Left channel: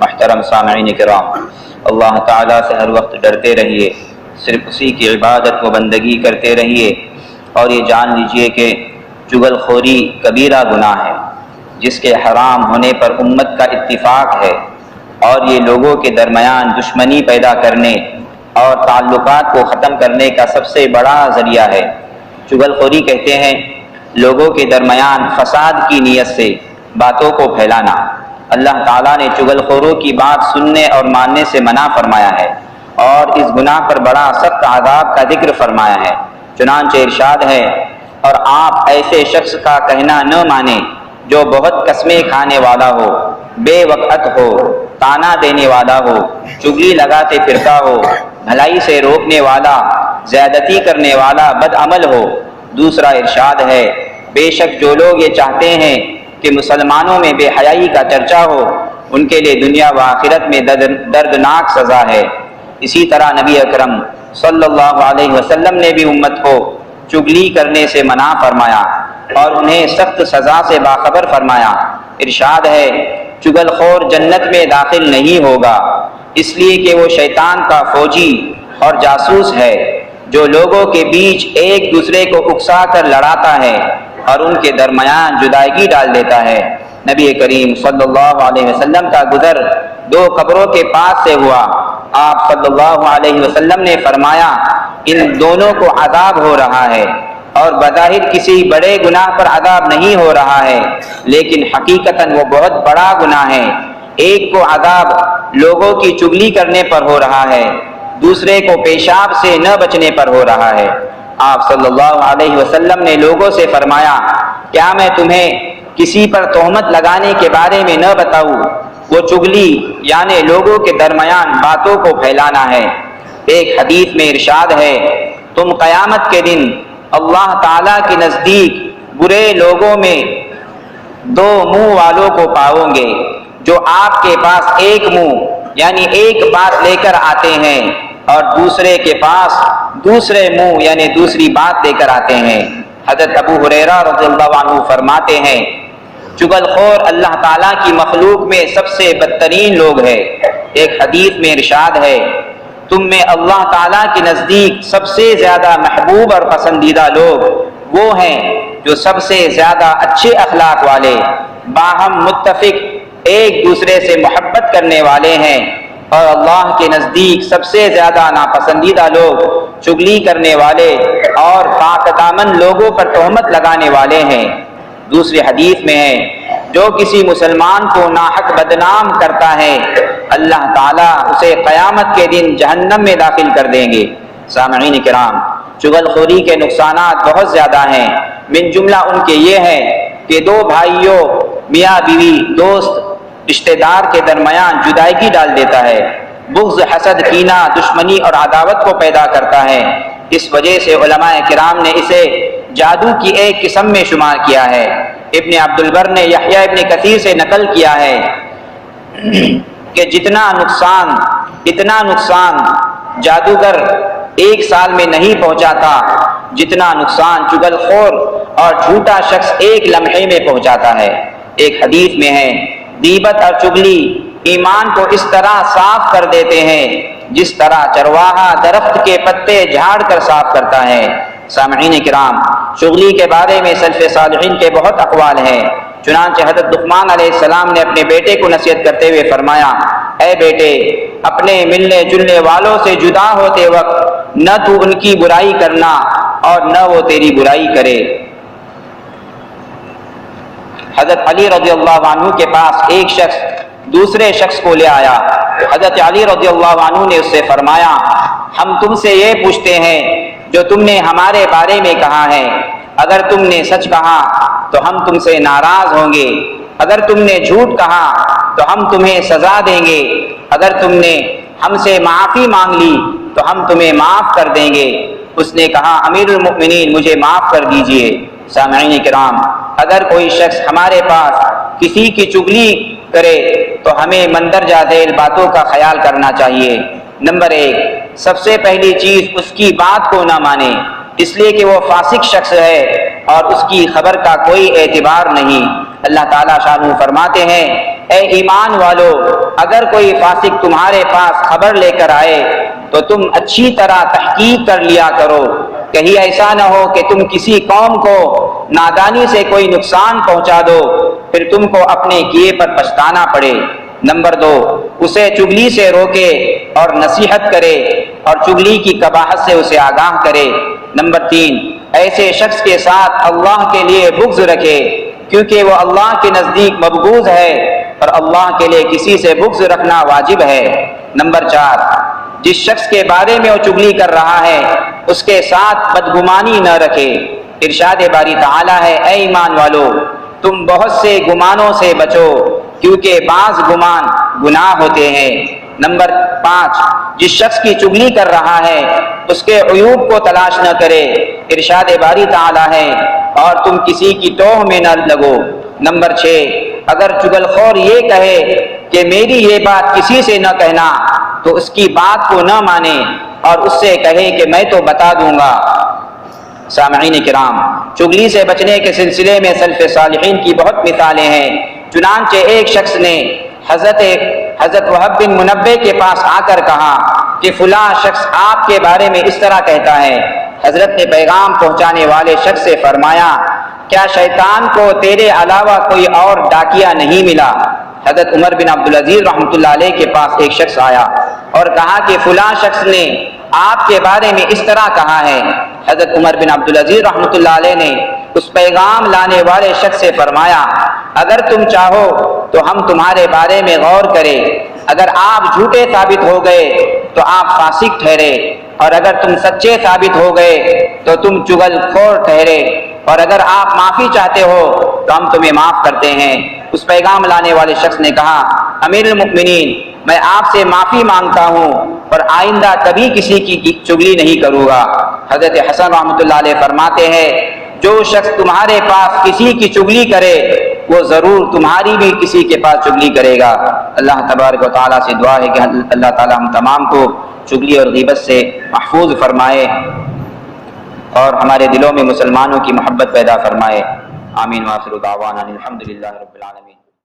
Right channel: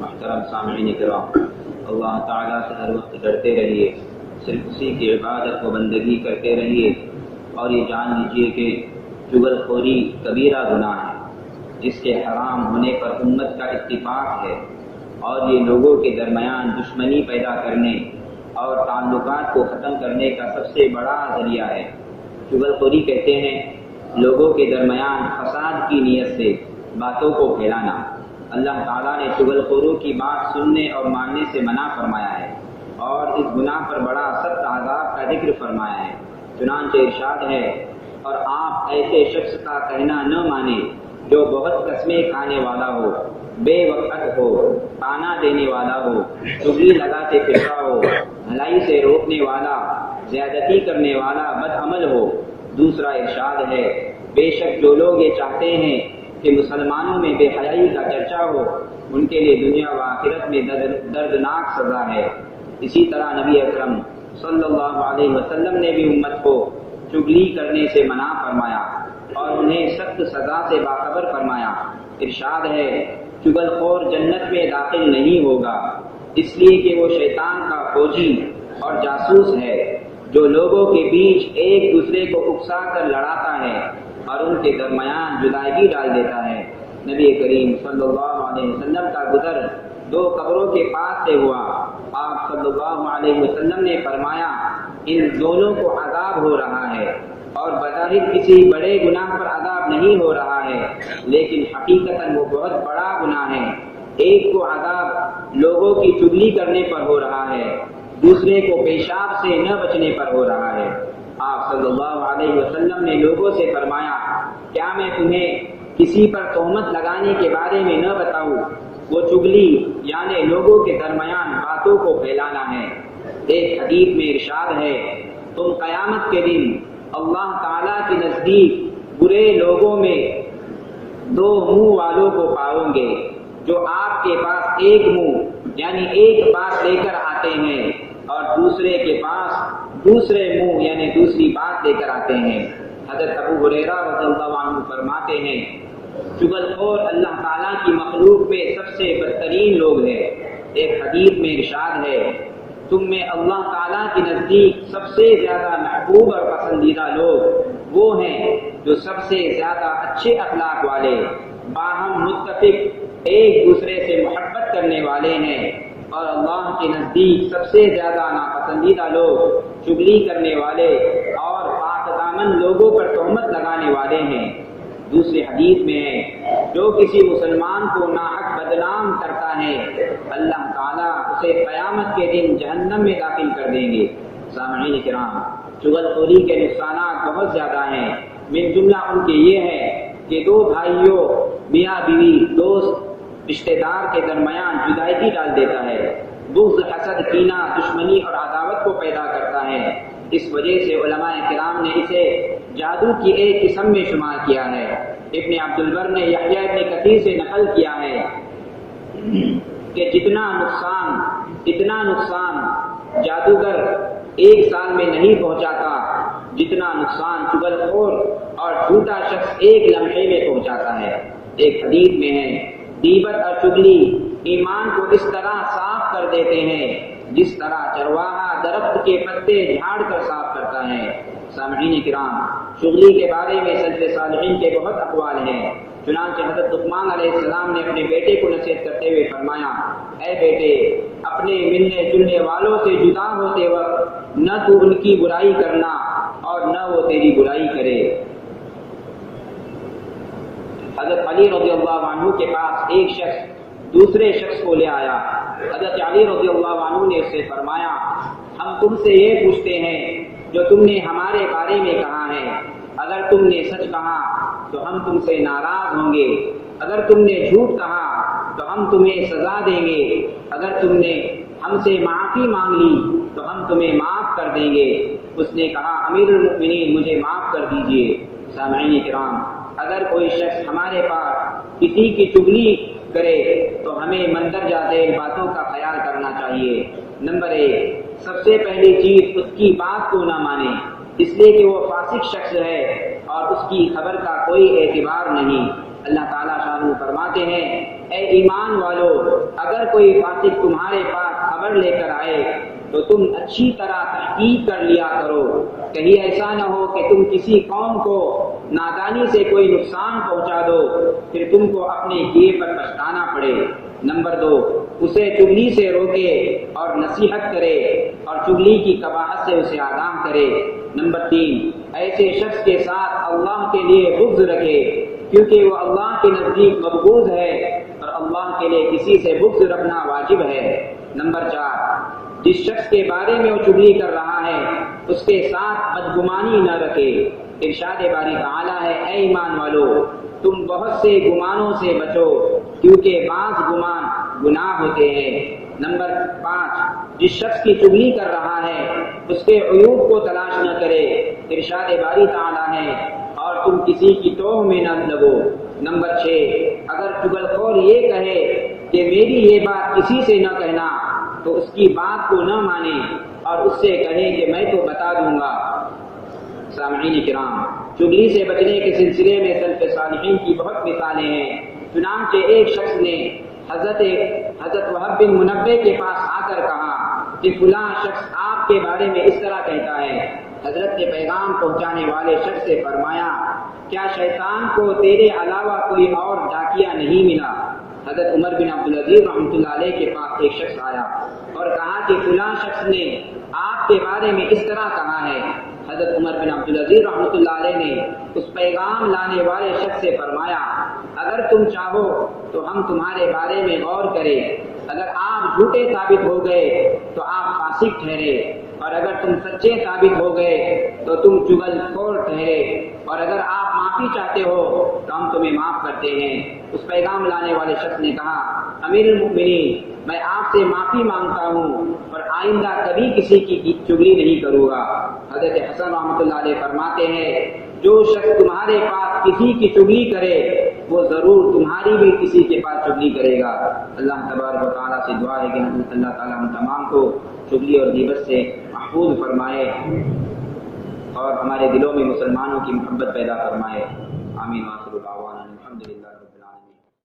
محترم سامعین کرام، اللہ تعالیٰ سے ہر وقت ڈرتے رہیے، صرف اسی کی عبادت و بندگی کرتے رہیے، اور یہ جان لیجئے کہ چغل خوری کبیرہ گناہ ہے جس کے حرام ہونے پر امت کا اتفاق ہے، اور یہ لوگوں کے درمیان دشمنی پیدا کرنے اور تعلقات کو ختم کرنے کا سب سے بڑا ذریعہ ہے۔ چغل خوری کہتے ہیں لوگوں کے درمیان فساد کی نیت سے باتوں کو پھیلانا۔ اللہ تعالیٰ نے چغل خوروں کی بات سننے اور ماننے سے منع فرمایا ہے، اور اس گناہ پر بڑا سخت عذاب کا ذکر فرمایا ہے۔ چنانچہ ارشاد ہے، اور آپ ایسے شخص کا کہنا نہ مانیں جو بہت قسمیں کھانے والا ہو، بے وقت ہو، تانا دینے والا ہو، چغلی لگاتے پھرتا ہو، بھلائی سے روکنے والا، زیادتی کرنے والا بد عمل ہو۔ دوسرا ارشاد ہے، بے شک جو لوگ یہ چاہتے ہیں کہ مسلمانوں میں بے حیائی کا چرچا ہو، ان کے لیے دنیا و آخرت میں دردناک سزا ہے۔ اسی طرح نبی اکرم صلی اللہ علیہ وسلم نے بھی امت کو چغلی کرنے سے منع فرمایا اور انہیں سخت سزا سے باخبر فرمایا۔ ارشاد ہے، چغل خور جنت میں داخل نہیں ہوگا، اس لیے کہ وہ شیطان کا فوجی اور جاسوس ہے جو لوگوں کے بیچ ایک دوسرے کو اکسا کر لڑاتا ہے اور ان کے درمیان جدائیگی ڈال دیتا ہے۔ نبی کریم صلی اللہ علیہ وسلم کا گزر دو قبروں کے پاس سے ہوا۔ آپ صلی اللہ علیہ وسلم نے فرمایا، ان دونوں کو عذاب ہو رہا ہے، اور بظاہر کسی بڑے گناہ پر عذاب نہیں ہو رہا ہے، لیکن حقیقتاً وہ بہت بڑا گناہ ہے۔ ایک کو عذاب لوگوں کی چغلی کرنے پر ہو رہا ہے، دوسرے کو پیشاب سے نہ بچنے پر ہو رہا ہے۔ آپ صلی اللہ علیہ وسلم نے لوگوں سے فرمایا، کیا میں تمہیں کسی پر تہمت لگانے کے بارے میں نہ بتاؤں؟ وہ چغلی یعنی لوگوں کے درمیان باتوں کو پھیلانا ہے۔ ایک حدیث میں ارشاد ہے، تم قیامت کے دن اللہ تعالیٰ کے نزدیک برے لوگوں میں دو منہ والوں کو پاؤ گے، جو آپ کے پاس ایک منہ یعنی ایک بات لے کر آتے ہیں اور دوسرے کے پاس دوسرے منہ یعنی دوسری بات لے کر آتے ہیں۔ حضرت ابو ہریرہ رضی اللہ عنہ فرماتے ہیں، چغل خور اللہ تعالیٰ کی مخلوق میں سب سے بدترین لوگ ہیں۔ ایک حدیث میں ارشاد ہے، تم میں اللہ تعالیٰ کے نزدیک سب سے زیادہ محبوب اور پسندیدہ لوگ وہ ہیں جو سب سے زیادہ اچھے اخلاق والے، باہم متفق، ایک دوسرے سے محبت کرنے والے ہیں، اور اللہ کے نزدیک سب سے زیادہ ناپسندیدہ لوگ چغلی کرنے والے اور پاک دامن لوگوں پر تہمت لگانے والے ہیں۔ دوسری حدیث میں ہے، جو کسی مسلمان کو ناحق بدنام کرتا ہے اللہ تعالیٰ اسے قیامت کے دن جہنم میں داخل کر دیں گے۔ سامعین کرام، چغل خوری کے نقصانات بہت زیادہ ہیں۔ من جملہ ان کے یہ ہے کہ دو بھائیوں، میاں بیوی، دوست، رشتہ دار کے درمیان جدائیگی ڈال دیتا ہے، بغض، حسد، کینہ، دشمنی اور عداوت کو پیدا کرتا ہے۔ اس وجہ سے علماء کرام نے اسے جادو کی ایک قسم میں شمار کیا ہے۔ ابن عبد البر نے یحییٰ ابن کثیر سے نقل کیا ہے کہ اتنا نقصان جادوگر ایک سال میں نہیں پہنچاتا جتنا نقصان چغل خور اور جھوٹا شخص ایک لمحے میں پہنچاتا ہے۔ ایک حدیث میں ہے، غیبت اور چغلی ایمان کو اس طرح صاف کر دیتے ہیں جس طرح چرواہا درخت کے پتے جھاڑ کر صاف کرتا ہے۔ سامعین کرام، چغلی کے بارے میں سلف صالحین کے بہت اقوال ہیں۔ چنانچہ حضرت لقمان علیہ السلام نے اپنے بیٹے کو نصیحت کرتے ہوئے فرمایا، اے بیٹے، اپنے ملنے جلنے والوں سے جدا ہوتے وقت نہ تو ان کی برائی کرنا اور نہ وہ تیری برائی کرے۔ حضرت علی رضی اللہ عنہ کے پاس ایک شخص دوسرے شخص کو لے آیا۔ حضرت علی رضی اللہ عنہ نے اس سے فرمایا، ہم تم سے یہ پوچھتے ہیں جو تم نے ہمارے بارے میں کہا ہے، اگر تم نے سچ کہا تو ہم تم سے ناراض ہوں گے، اگر تم نے جھوٹ کہا تو ہم تمہیں سزا دیں گے، اگر تم نے ہم سے معافی مانگ لی تو ہم تمہیں معاف کر دیں گے۔ اس نے کہا، امیر المؤمنین مجھے معاف کر دیجئے۔ سامعین کرام، اگر کوئی شخص ہمارے پاس کسی کی چغلی کرے تو ہمیں مندرجہ ذیل باتوں کا خیال کرنا چاہیے۔ نمبر 1، سب سے پہلی چیز اس کی بات کو نہ مانے، اس لیے کہ وہ فاسق شخص ہے اور اس کی خبر کا کوئی اعتبار نہیں۔ اللہ تعالیٰ شانہ فرماتے ہیں، اے ایمان والو، اگر کوئی فاسق تمہارے پاس خبر لے کر آئے تو تم اچھی طرح تحقیق کر لیا کرو، کہیں ایسا نہ ہو کہ تم کسی قوم کو نادانی سے کوئی نقصان پہنچا دو، پھر تم کو اپنے کیے پر پچھتانا پڑے۔ نمبر 2، اسے چغلی سے روکے اور نصیحت کرے اور چغلی کی قباحت سے اسے آگاہ کرے۔ نمبر 3، ایسے شخص کے ساتھ اللہ کے لیے بغض رکھے، کیونکہ وہ اللہ کے نزدیک مبغوض ہے اور اللہ کے لیے کسی سے بغض رکھنا واجب ہے۔ نمبر 4، جس شخص کے بارے میں وہ چغلی کر رہا ہے اس کے ساتھ بدگمانی نہ رکھے۔ ارشاد باری تعالیٰ ہے، اے ایمان والو، تم بہت سے گمانوں سے بچو، کیونکہ بعض گمان گناہ ہوتے ہیں۔ نمبر 5، جس شخص کی چغلی کر رہا ہے اس کے عیوب کو تلاش نہ کرے۔ ارشاد باری تعالیٰ ہے، اور تم کسی کی توہ میں نہ لگو۔ نمبر 6، اگر چغل خور یہ کہے کہ میری یہ بات کسی سے نہ کہنا تو اس کی بات کو نہ مانے اور اس سے کہے کہ میں تو بتا دوں گا۔ سامعین کرام، چغلی سے بچنے کے سلسلے میں سلف صالحین کی بہت مثالیں ہیں۔ چنانچہ ایک شخص نے حضرت وہب بن منبہ کے پاس آ کر کہا کہ فلاں شخص آپ کے بارے میں اس طرح کہتا ہے۔ حضرت نے پیغام پہنچانے والے شخص سے فرمایا، کیا شیطان کو تیرے علاوہ کوئی اور ڈاکیا نہیں ملا؟ حضرت عمر بن عبدالعزیز رحمۃ اللہ علیہ کے پاس ایک شخص آیا اور کہا کہ فلاں شخص نے آپ کے بارے میں اس طرح کہا ہے۔ حضرت عمر بن عبدالعزیز رحمۃ اللہ علیہ نے اس پیغام لانے والے شخص سے فرمایا، اگر تم چاہو تو ہم تمہارے بارے میں غور کریں، اگر آپ جھوٹے ثابت ہو گئے تو آپ فاسق ٹھہرے، اور اگر تم سچے ثابت ہو گئے تو تم چغل خور ٹھہرے، اور اگر آپ معافی چاہتے ہو تو ہم تمہیں معاف کرتے ہیں۔ اس پیغام لانے والے شخص نے کہا، امیر المؤمنین، میں آپ سے معافی مانگتا ہوں اور آئندہ کبھی کسی کی چغلی نہیں کروں گا۔ حضرت حسن رحمۃ اللہ علیہ فرماتے ہیں، جو شخص تمہارے پاس کسی کی چغلی کرے وہ ضرور تمہاری بھی کسی کے پاس چغلی کرے گا۔ اللہ تبارک و تعالیٰ سے دعا ہے کہ اللہ تعالیٰ ہم تمام کو چغلی اور غیبت سے محفوظ فرمائے اور ہمارے دلوں میں مسلمانوں کی محبت پیدا فرمائے۔ آمین۔ وآخر دعوانا الحمدللہ رب العالمین۔